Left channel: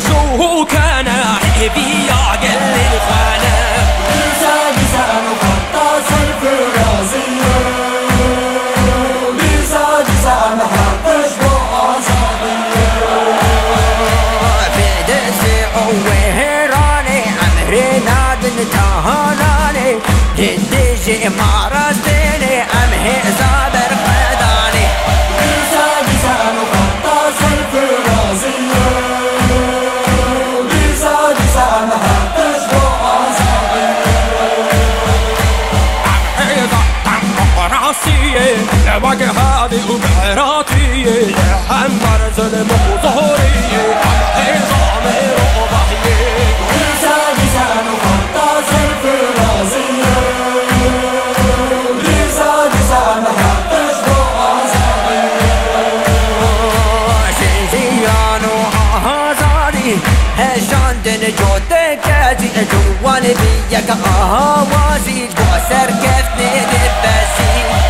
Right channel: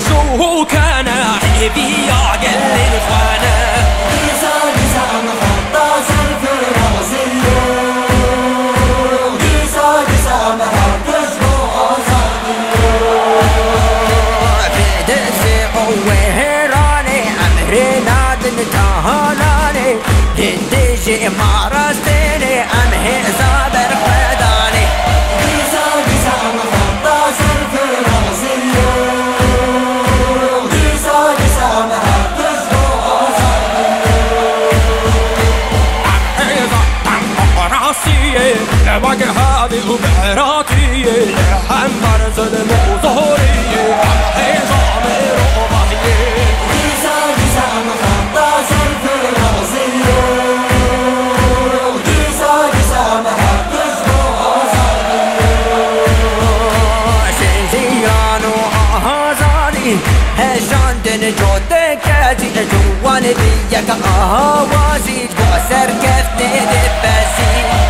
شو كان حبي يعقل الإخوانة وهراني أمري نادن تهاناني هنديجي مارستيني أمهي زابر خداني لواقع هذه وبعراتية حمر ظلم وظهورية عم عظامي رضاهية زان وخطاز الفرازية زان محطش شنزيان وآهازاني هجان دن جودك أزي جوان بيك آهوازي جوسر كفني دبسي